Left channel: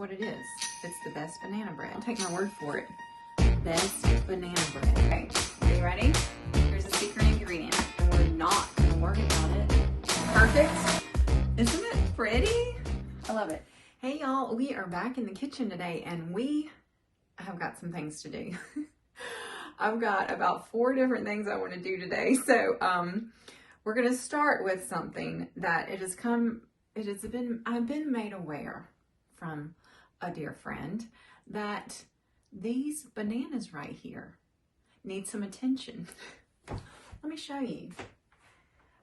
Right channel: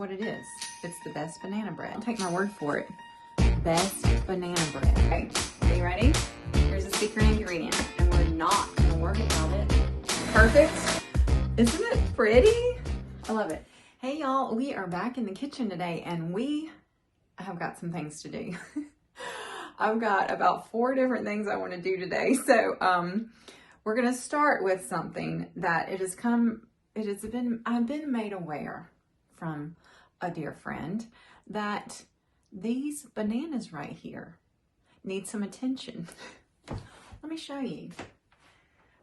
What it is. It's the best banana bread. I'll take my word for it. Best banana bread. Right? Are you ready? Here's a secret ingredient, and we're not gonna worry about it. Perfect. Isn't it pretty? I love it. Hey y'all, we are back in the kitchen today, and we have got some things to do. I've got about 4 different things I want to do today. So we're gonna start with something that I've been made aware from a dear friend that these bananas right here need some attention. Let me show you.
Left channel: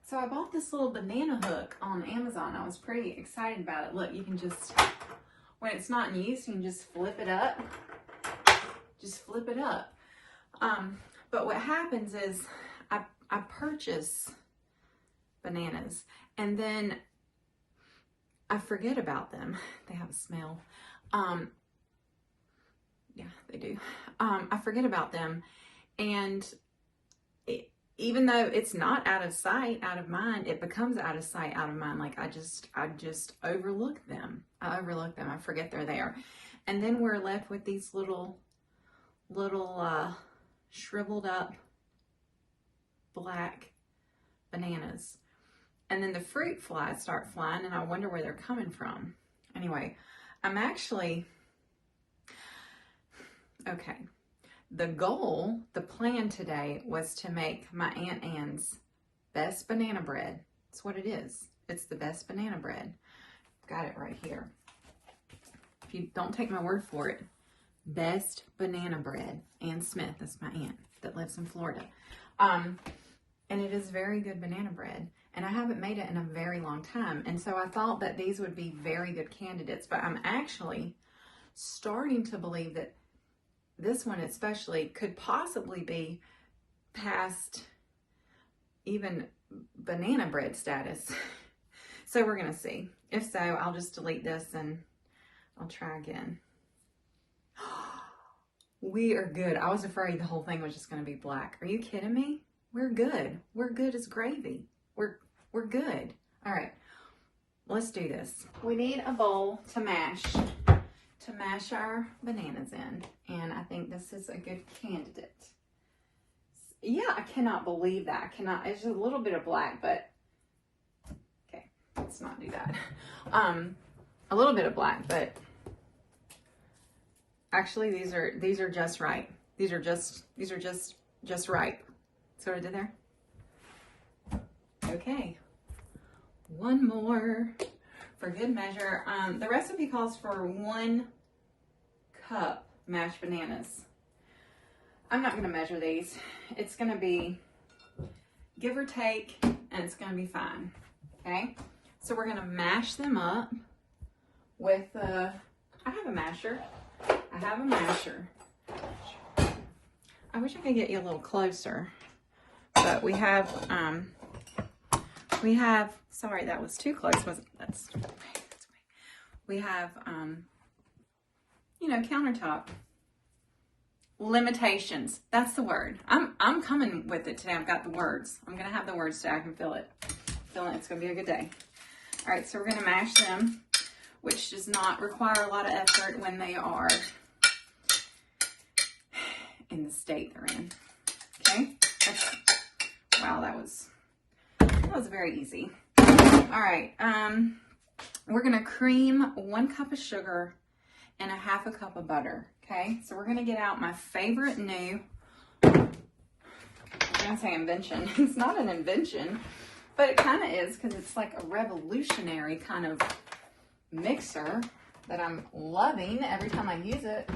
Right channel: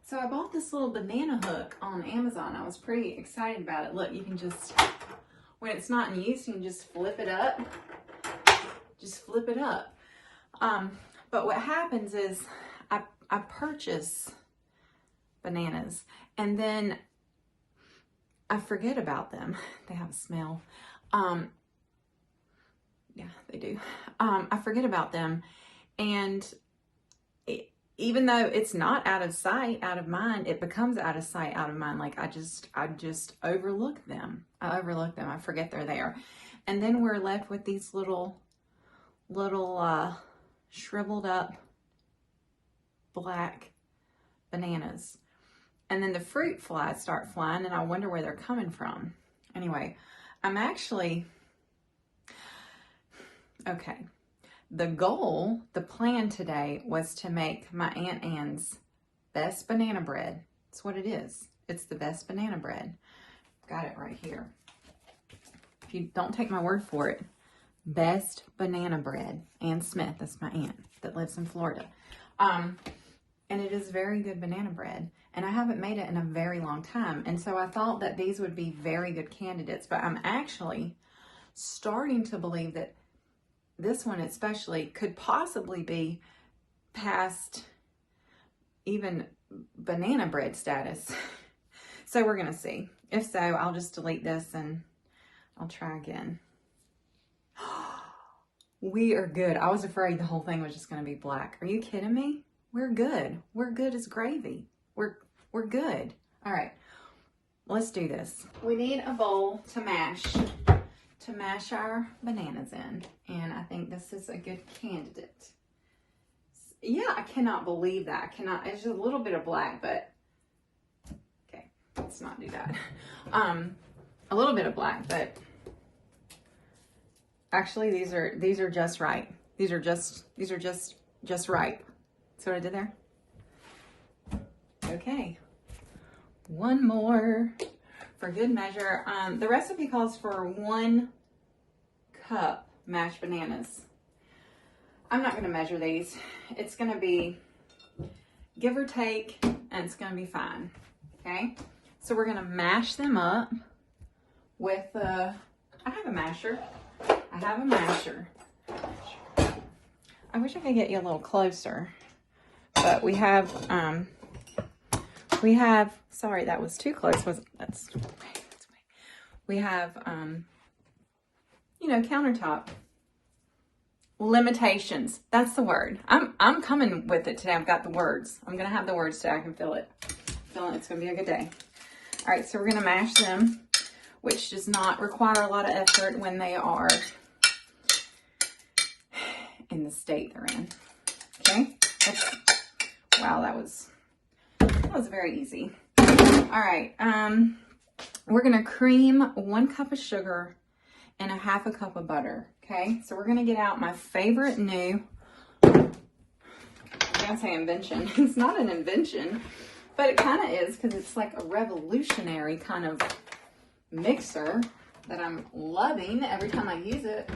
So I bought this little banana hook on Amazon. I was pretty excited about it. Look, you can just, when it's not in use, you can just flip it up. Just flip it up. But what happens is I purchase bananas and then I forget about them. They have a smell. Yeah, they do. I forget about them, and even though it's not out of sight, out of mind, it becomes out of sight, out of mind. Like I just overlook them. I overlook them. I forget they're there, and then we're left with these little shriveled up black bananas. And then the fruit flies start flying, and I wonder where they're coming from. Anyway, okay. The plan today was to make my Aunt Anne's best banana bread. That's what it is. It's the best banana bread. Got it right here. If you don't take my word for it, best banana bread. Ann Smith, that's my aunt that lives in Florida. And it is very good banana bread. And I haven't made it in a very long time. And so I thought that these would be very good candidates. But I'm actually starting to believe that this one especially could possibly be past even banana bread status. So we're going to see. If so, I'll just delete this and I'll try again. We are good. I was afraid the whole thing was just going to be black. Are you kidding me? We're good. We're good as gravy. We're good. All right, let's do this. We need a bowl to mash our bananas in, and I think this is a good candidate. Yeah, I cannot believe that. It's just a little bit of black, but okay, let's not do that. A little bit of black, but actually these are just right. These are just right. See what I did there? Okay, one more for good measure. The recipe calls for 1 cup mashed bananas. I'm not going to measure these. It's going to be give or take, and it's going to be fine. Okay, so we're going to mash them up with I have a masher. I wish I could get you a little closer, but we have sorry, that was too close, wasn't it? We have, countertop limitations. That's the word. I'm coming with it today. I've got the words. I'm going to have the words today. I can feel it. It's going to be a good day. All right, so we're going to mash them, which does not require a lot of effort when they are in the state they're in. Okay? Wow, that was very easy. All right, we're gonna cream 1 cup of sugar and 1/2 cup of butter. Okay, so we're gonna get out my favorite new, I'm gonna say invention. It's not an invention, but it kind of is, because it's like a revolutionary kind of mixer that I'm loving. Every time I use it,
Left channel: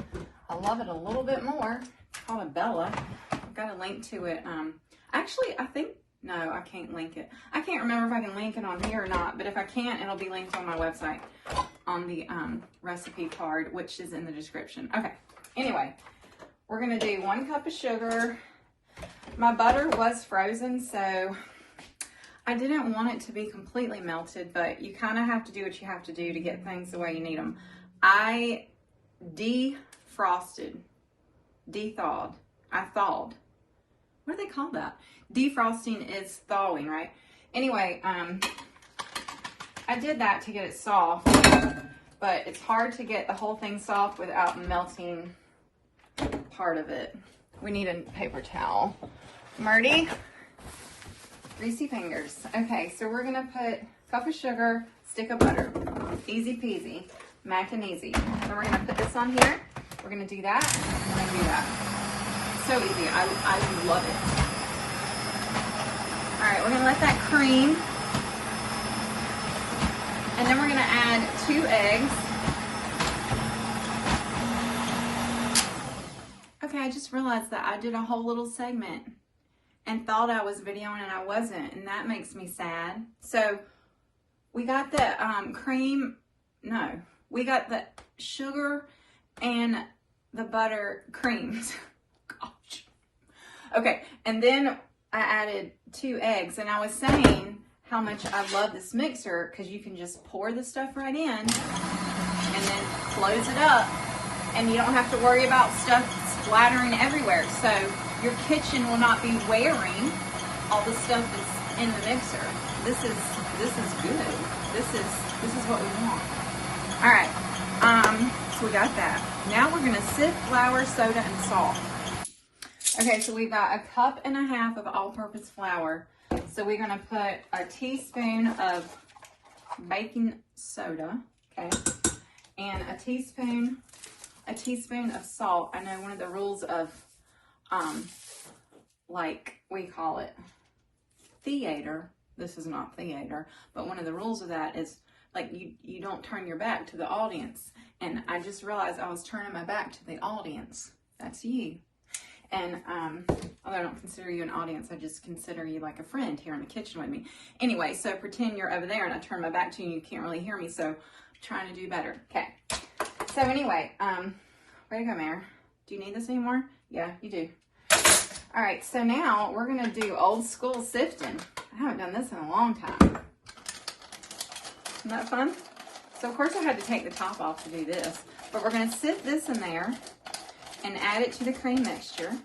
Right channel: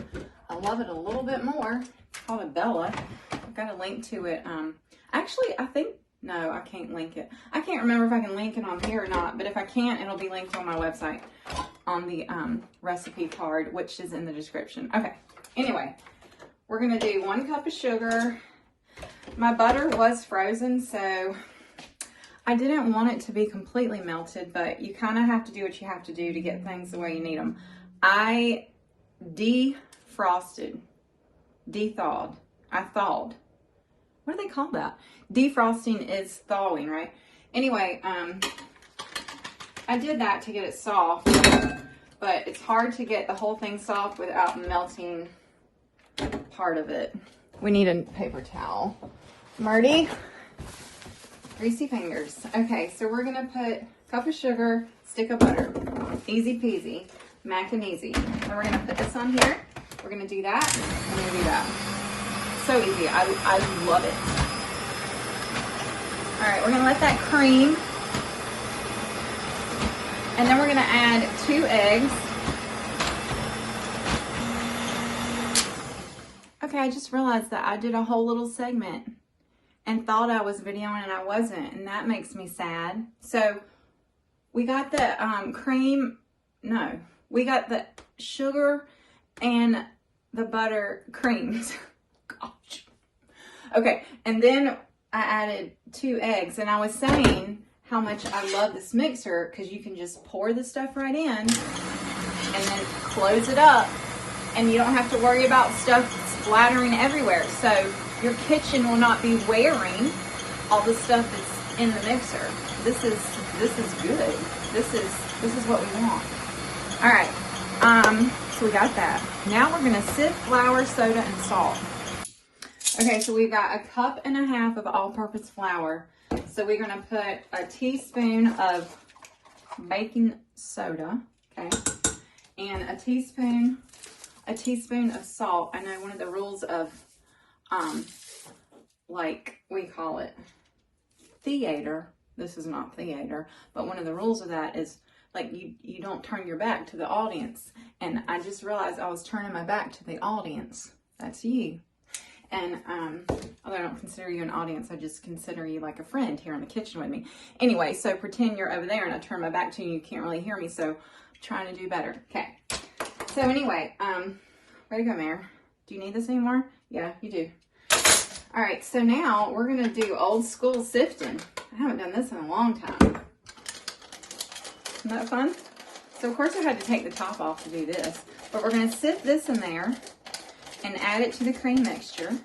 I love it a little bit more. It's called a Bella. I've got a link to it. Actually, no, I can't link it. I can't remember if I can link it on here or not, but if I can't, it'll be linked on my website on the recipe card, which is in the description. Okay, anyway, we're going to do 1 cup of sugar. My butter was frozen, so I didn't want it to be completely melted, but you kind of have to do what you have to do to get things the way you need them. I defrosted, thawed. What do they call that? Defrosting is thawing, right? Anyway, I did that to get it soft, but it's hard to get the whole thing soft without melting part of it. We need a paper towel. Marty, greasy fingers. Okay, so we're gonna put a cup of sugar, stick of butter. Easy peasy, mac and easy. So we're gonna put this on here. We're gonna do that, and we're gonna do that. So easy, I love it. All right, we're gonna let that cream. And then we're gonna add 2 eggs. Okay, I just realized that I did a whole little segment and thought I was videoing and I wasn't, and that makes me sad. So we got the we got the sugar and the butter creamed. Gosh. Okay, and then I added 2 eggs, and I was saying how much I love this mixer because you can just pour the stuff right in and then close it up, and you don't have to worry about stuff splattering everywhere. So your kitchen will not be wearing all the stuff that's in the mixer. This is good. This is what we want. All right. So we got that. Now we're gonna sift flour, soda, and salt. Okay, so we've got 1.5 cups of all-purpose flour. So we're gonna put a teaspoon of baking soda, okay, and a teaspoon of salt. I know one of the rules of, like we call it theater. This is not theater, but one of the rules of that is like you don't turn your back to the audience. And I just realized I was turning my back to the audience. That's you. And although I don't consider you an audience, I just consider you like a friend here in the kitchen with me. Anyway, so pretend you're over there and I turn my back to you, you can't really hear me, so I'm trying to do better. Okay. So anyway, where to go, Mare? Do you need this anymore? Yeah, you do. All right, so now we're gonna do old school sifting. I haven't done this in a long time. Isn't that fun? So of course I had to take the top off to do this, but we're gonna sift this in there and add it to the cream mixture.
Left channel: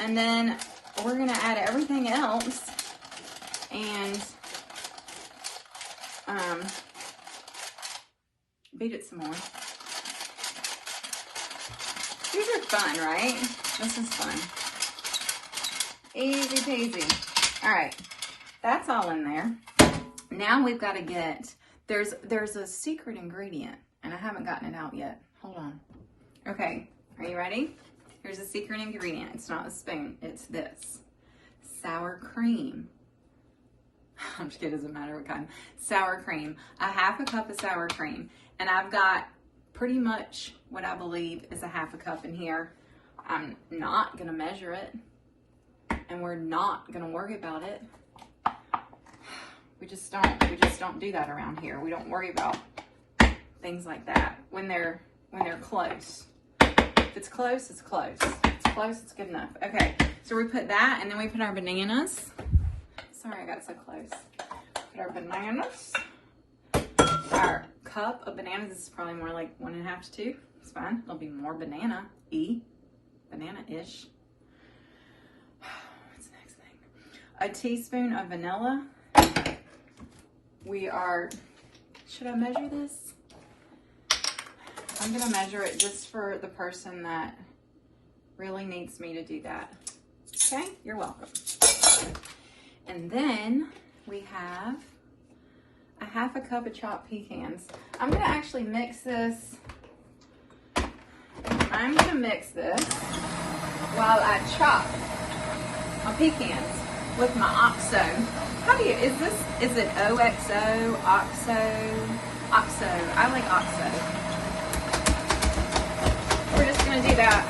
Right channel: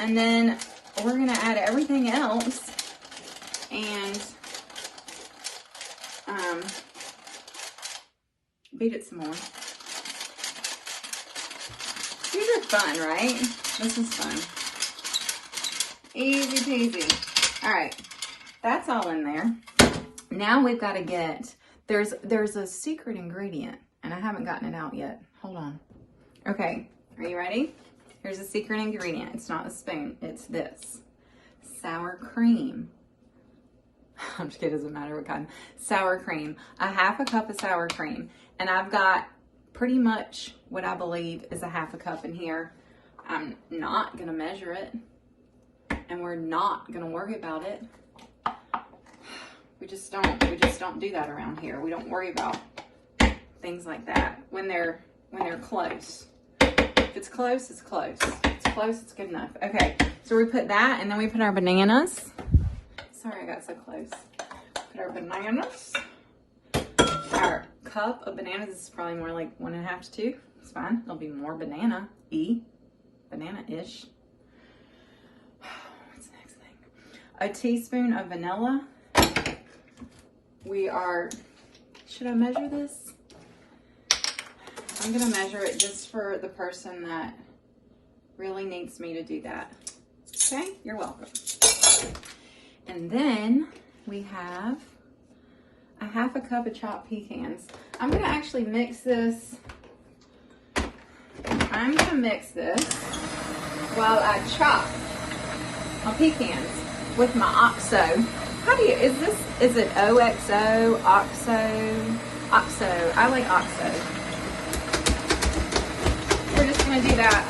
And then we're gonna add everything else and beat it some more. These are fun, right? This is fun. Easy peasy. All right, that's all in there. Now we've got to get, there's a secret ingredient and I haven't gotten it out yet. Hold on. Okay, are you ready? Here's a secret ingredient. It's not a spoon, it's this. Sour cream. I'm just kidding, it doesn't matter what kind. Sour cream. 1/2 cup of sour cream. And I've got pretty much what I believe is 1/2 cup in here. I'm not gonna measure it. And we're not gonna worry about it. We just don't do that around here. We don't worry about things like that when they're close. If it's close, it's close. If it's close, it's good enough. Okay, so we put that, and then we put our bananas. Sorry, I got so close. Put our bananas. Our cup of bananas. This is probably more like 1.5 to 2. It's fine. There'll be more banana-ish. What's the next thing? A teaspoon of vanilla. Should I measure this? I'm gonna measure it just for the person that really needs me to do that. Okay, you're welcome. And then we have 1/2 cup of chopped pecans. I'm gonna actually mix this. I'm gonna mix this while I chop my pecans with my OXO. Is it OXO, OXO? I like OXO. We're just gonna do that.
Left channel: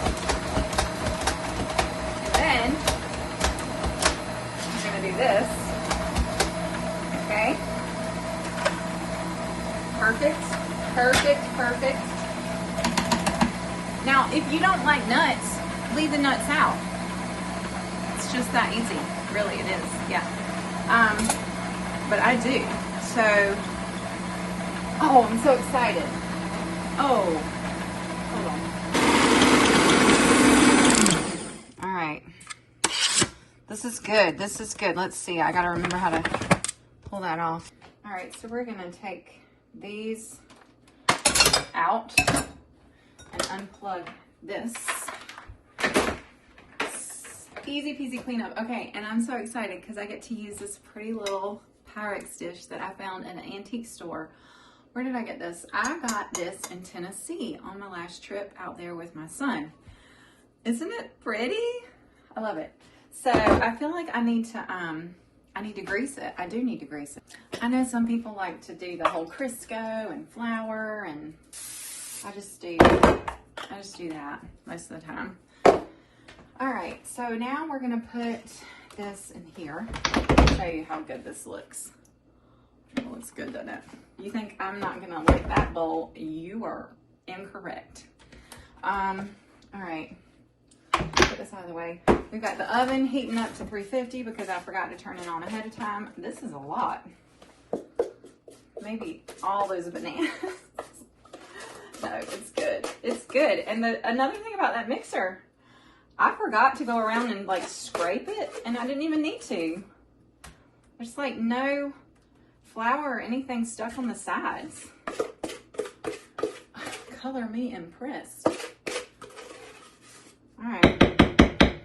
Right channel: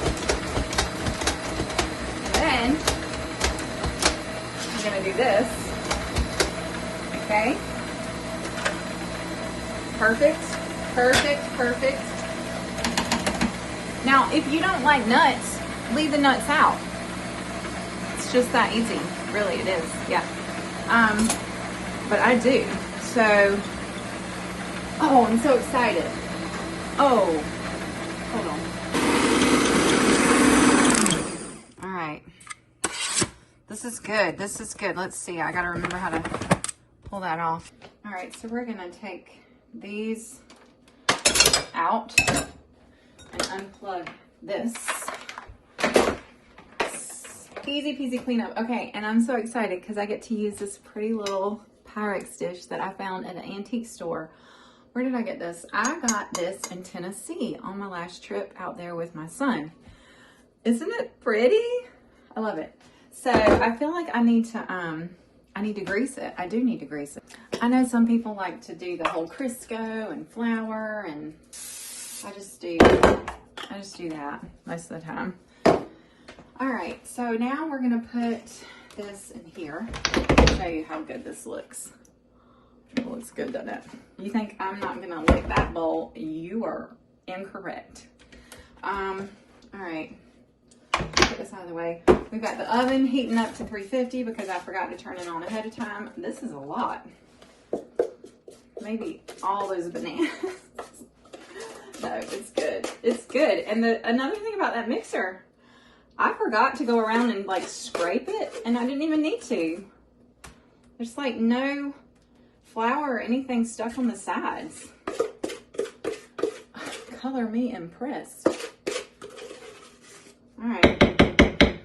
Then, I'm gonna do this. Okay? Perfect, perfect, perfect. Now, if you don't like nuts, leave the nuts out. It's just that easy. Really, it is, yeah. But I do. So, oh, I'm so excited. Oh, hold on. All right. This is good. This is good. Let's see. I got to remember how to pull that off. All right, so we're going to take these out and unplug this. Easy peasy cleanup. Okay, and I'm so excited because I get to use this pretty little Pyrex dish that I found in an antique store. Where did I get this? I got this in Tennessee on my last trip out there with my son. Isn't it pretty? I love it. So I feel like I need to grease it. I do need to grease it. I know some people like to do the whole Crisco and flour, and I just do that most of the time. All right, so now we're gonna put this in here. I'll show you how good this looks. It looks good, doesn't it? You think I'm not gonna lick that bowl? You are incorrect. All right, put this out of the way. We've got the oven heating up to 350 because I forgot to turn it on ahead of time. This is a lot. Maybe all those bananas. No, it's good. It's good. And another thing about that mixer, I forgot to go around and like scrape it, and I didn't even need to. There's like no flour or anything stuck on the sides. Color me impressed. All right,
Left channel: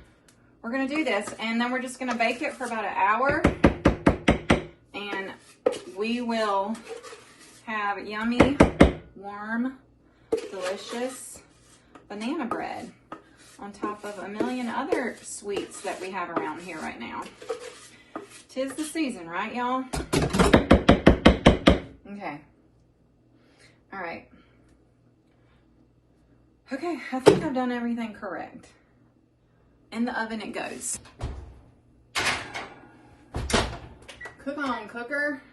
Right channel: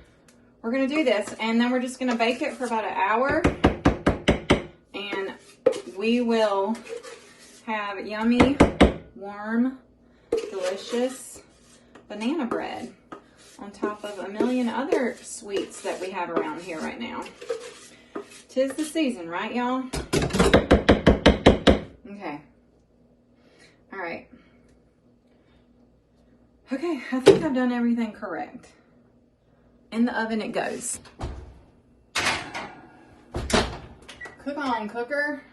we're gonna do this, and then we're just gonna bake it for about an hour, and we will have yummy, warm, delicious banana bread on top of a million other sweets that we have around here right now. 'Tis the season, right, y'all? Okay. All right. Okay, I think I've done everything correct. In the oven it goes. Cook on, cooker.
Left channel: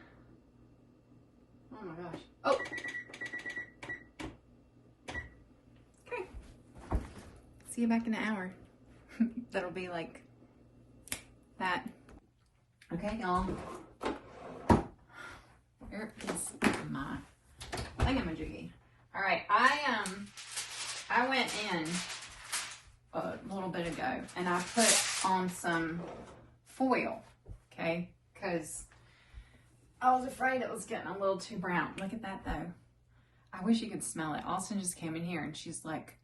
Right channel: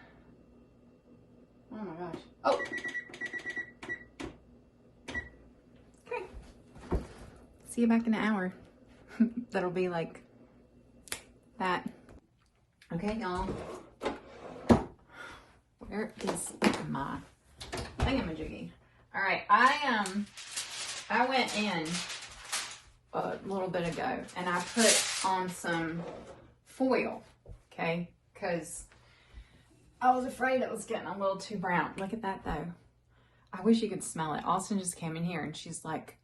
Oh my gosh. Oh. See you back in an hour. That'll be like that. Okay, y'all. Where is my thingamajiggy? All right, I went in a little bit ago and I put on some foil, okay? Because I was afraid it was getting a little too brown. Look at that though. I wish you could smell it. Austin just came in here and she's like,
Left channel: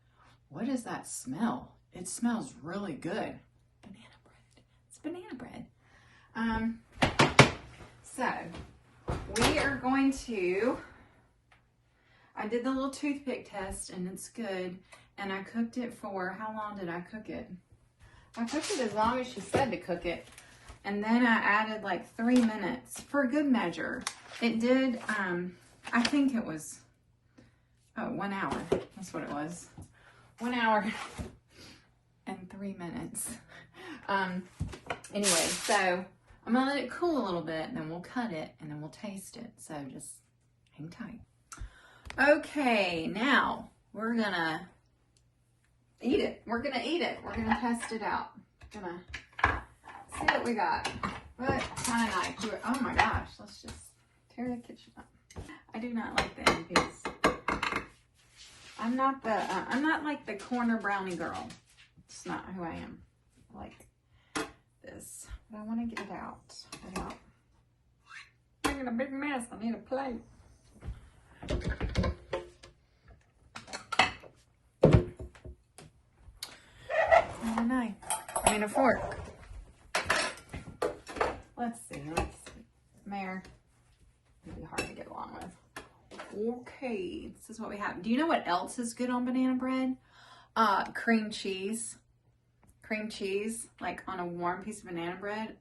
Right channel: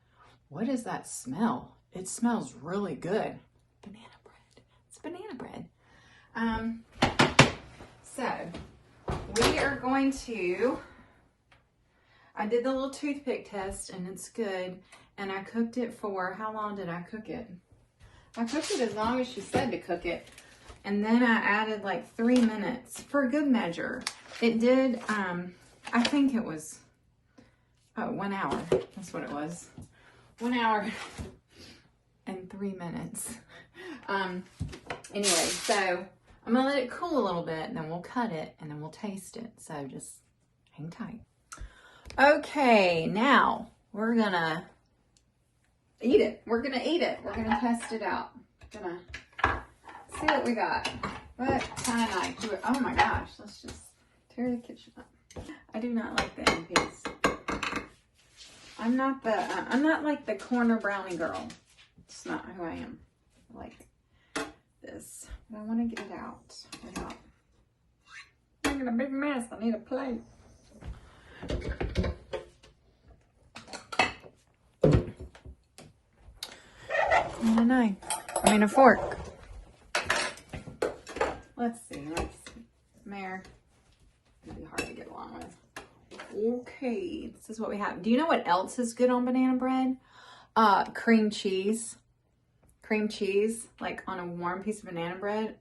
"What is that smell? It smells really good." Banana bread. It's banana bread. So we are going to, I did the little toothpick test and it's good. And I cooked it for, how long did I cook it? I cooked it as long as she said to cook it. And then I added like 3 minutes for good measure. It did, I think it was, 1 hour. That's what it was. 1 hour and 3 minutes. Anyway, so I'm gonna let it cool a little bit and then we'll cut it and then we'll taste it. So just hang tight. Okay, now we're gonna eat it. We're gonna eat it. We're gonna test it out. Gonna see what we got. What kind of knife? Oh my gosh, let's just tear the kitchen up. I do not like the end piece. I'm not like the corner brownie girl. It's not who I am. I like this, but I want to get it out. I'm making a big mess. I need a plate. And a knife. I mean a fork. Let's see. Mare. It'll be hard to get along with. Okay, this is what we have. Do you know what else is good on banana bread? Cream cheese. Cream cheese, like on a warm piece of banana bread.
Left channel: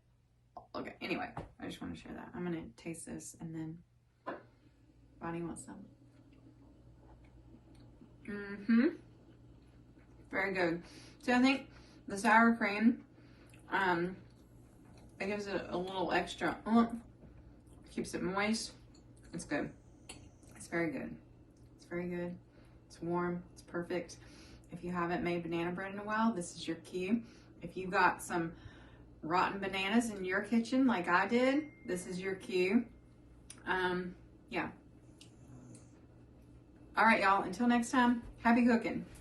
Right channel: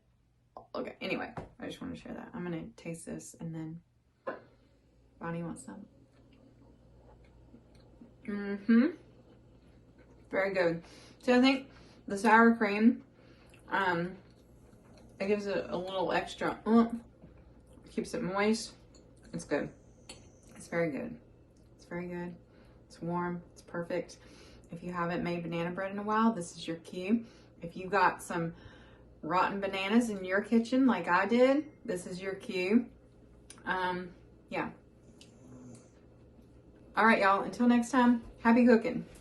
Okay, anyway, I just want to share that. I'm going to taste this and then Bonnie wants some. Very good. So I think the sour cream, it gives it a little extra, keeps it moist. It's good. It's very good. It's very good. It's warm. It's perfect. If you haven't made banana bread in a while, this is your cue. If you got some rotten bananas in your kitchen like I did, this is your cue. Yeah. All right, y'all. Until next time, happy cooking.